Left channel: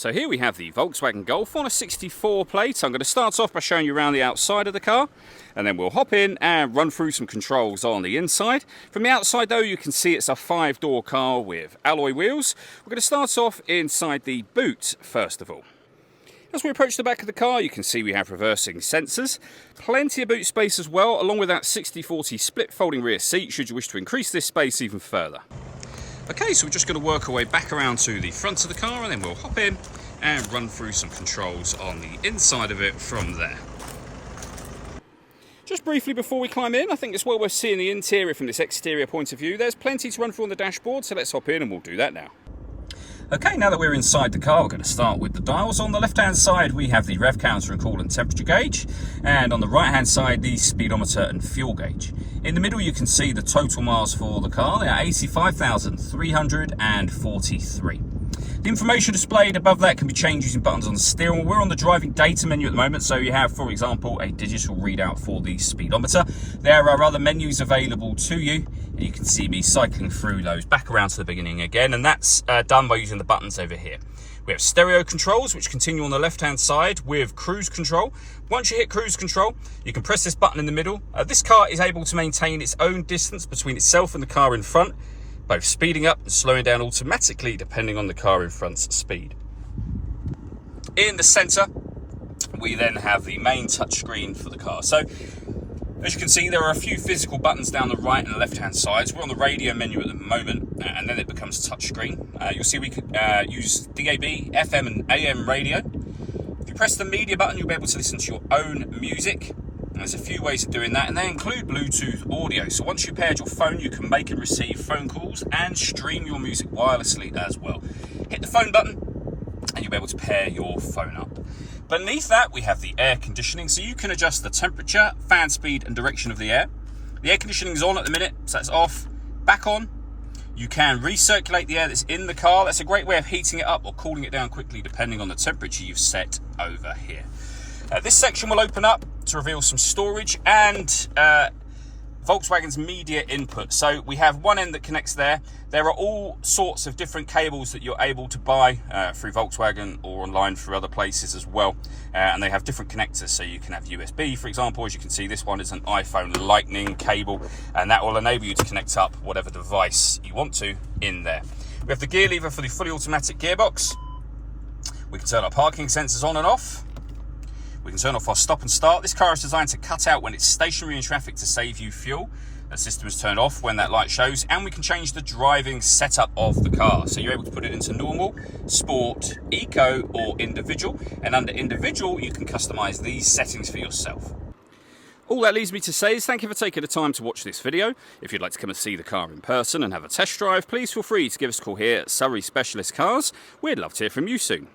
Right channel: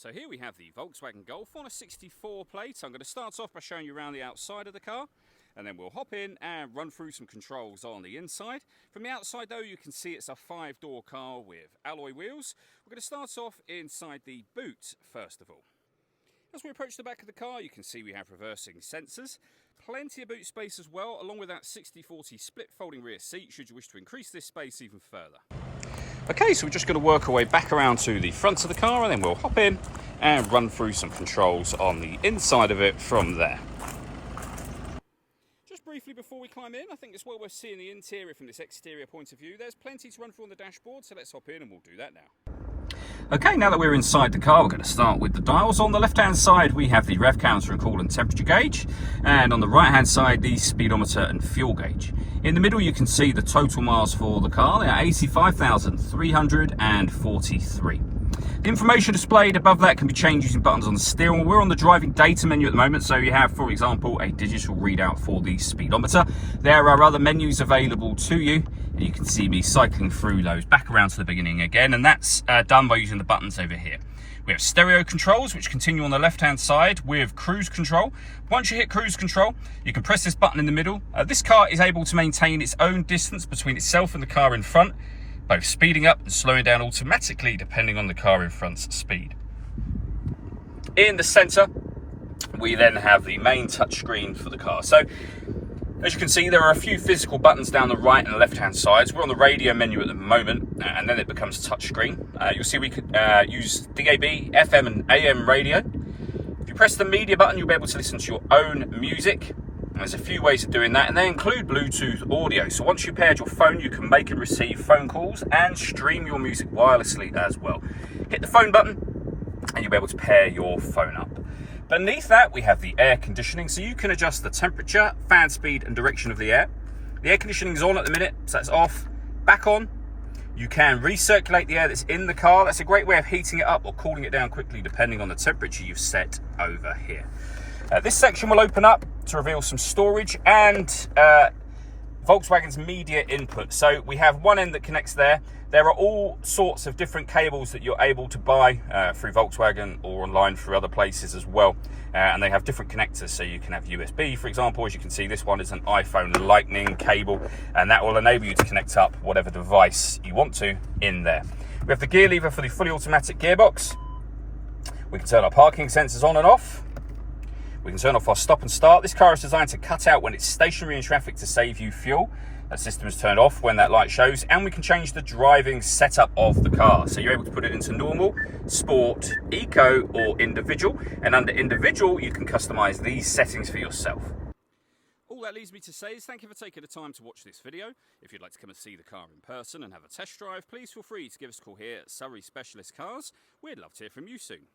So here we have the Volkswagen Golf on a 64 plate. I'm going to start off by showing you around the outside of the car, and then we'll hop in and run through some controls on the inside. From the outside though, you can see it's a 5-door car with alloy wheels. We're going to start off inside the boot first of all. As we approach the back of the car, you can see we have reversing sensors, plenty of boot space as well, along with that 60/40 split folding rear seat should you wish to increase this space even further. Okay, so we're just going to work our way back around to the front of the car, and then we'll hop in and run through some controls on the inside of it from there. Just briefly before we climb in, I think it's well worth seeing the interior from this exterior point of view. There's plenty to run through on the dashboard, so let's hop in and we'll do that now. Okay, now that we're inside the car, we're going to start with the dials. On the left-hand side, we have the rev counter and coolant temperature gauge, and on the right-hand side, the speedometer and fuel gauge. In the middle, you can see the total miles for the car. They are 85,343. The information displayed above that can be changed using buttons on the steering wheel. We're on the driving data menu at the moment, so you have, for example, a digital readout for the speedometer. There are other menus available to you, and you can see me cycling through those back around to the beginning again, and that's done by using the buttons over here. We have stereo controls, which continue on the left-hand side with cruise control. Once you hit cruise control, you can press this button in the middle. This car is able to maintain its own distance between itself and the car in front, both speeding up and slowing down automatically depending on the car in front's speed. In the centre, we then have the main touchscreen for the car. So, as you can see, there are a few physical buttons down the right and the left-hand sides. We're on the radio menu at the moment, and then it becomes touchscreen. You'll see we could use DAB, FM and AM radio. If you press the media button, you'll be able to listen to your own music. There's a few ways of doing that, and they include Bluetooth audio. So once you've paired your phone, you can make and receive phone calls and stream your music wirelessly as well. Hit the phone button, and you'll be able to pair your phone up. Beneath that, we have the air conditioning, so you can adjust the temperature, fan speed, and direction of the air. The air conditioning is on at the minute, so that's off. Back on. You can recirculate the air that's in the car. That's a great way of heating it up or cooling it down quickly, depending on the temperature you've set over here. This section will open up to reveal some storage and Volkswagen's media input. So we have one end that connects there. There are all sorts of different cables that you're able to buy through Volkswagen or online through other places as well. And they have different connectors. So you can have USB, for example. As you can see, this one is an iPhone Lightning cable, and that will enable you to connect up whatever device you want to in there. We have the gear lever for the fully automatic gearbox. We can turn our parking sensors on and off. We can turn off our stop and start. This car is designed to cut out when it's stationary in traffic to save you fuel. That system is turned off when that light shows, and we can change the driving setup of the car. So you're able to put it into normal, sport, eco, or individual. And under individual, you can customize these settings for yourself. All that leaves me to say is thank you for taking the time to watch this video. If you'd like to come and see the car in person and have a test drive, please feel free to give us a call here at Surrey Specialist Cars. We'd love to hear from you soon.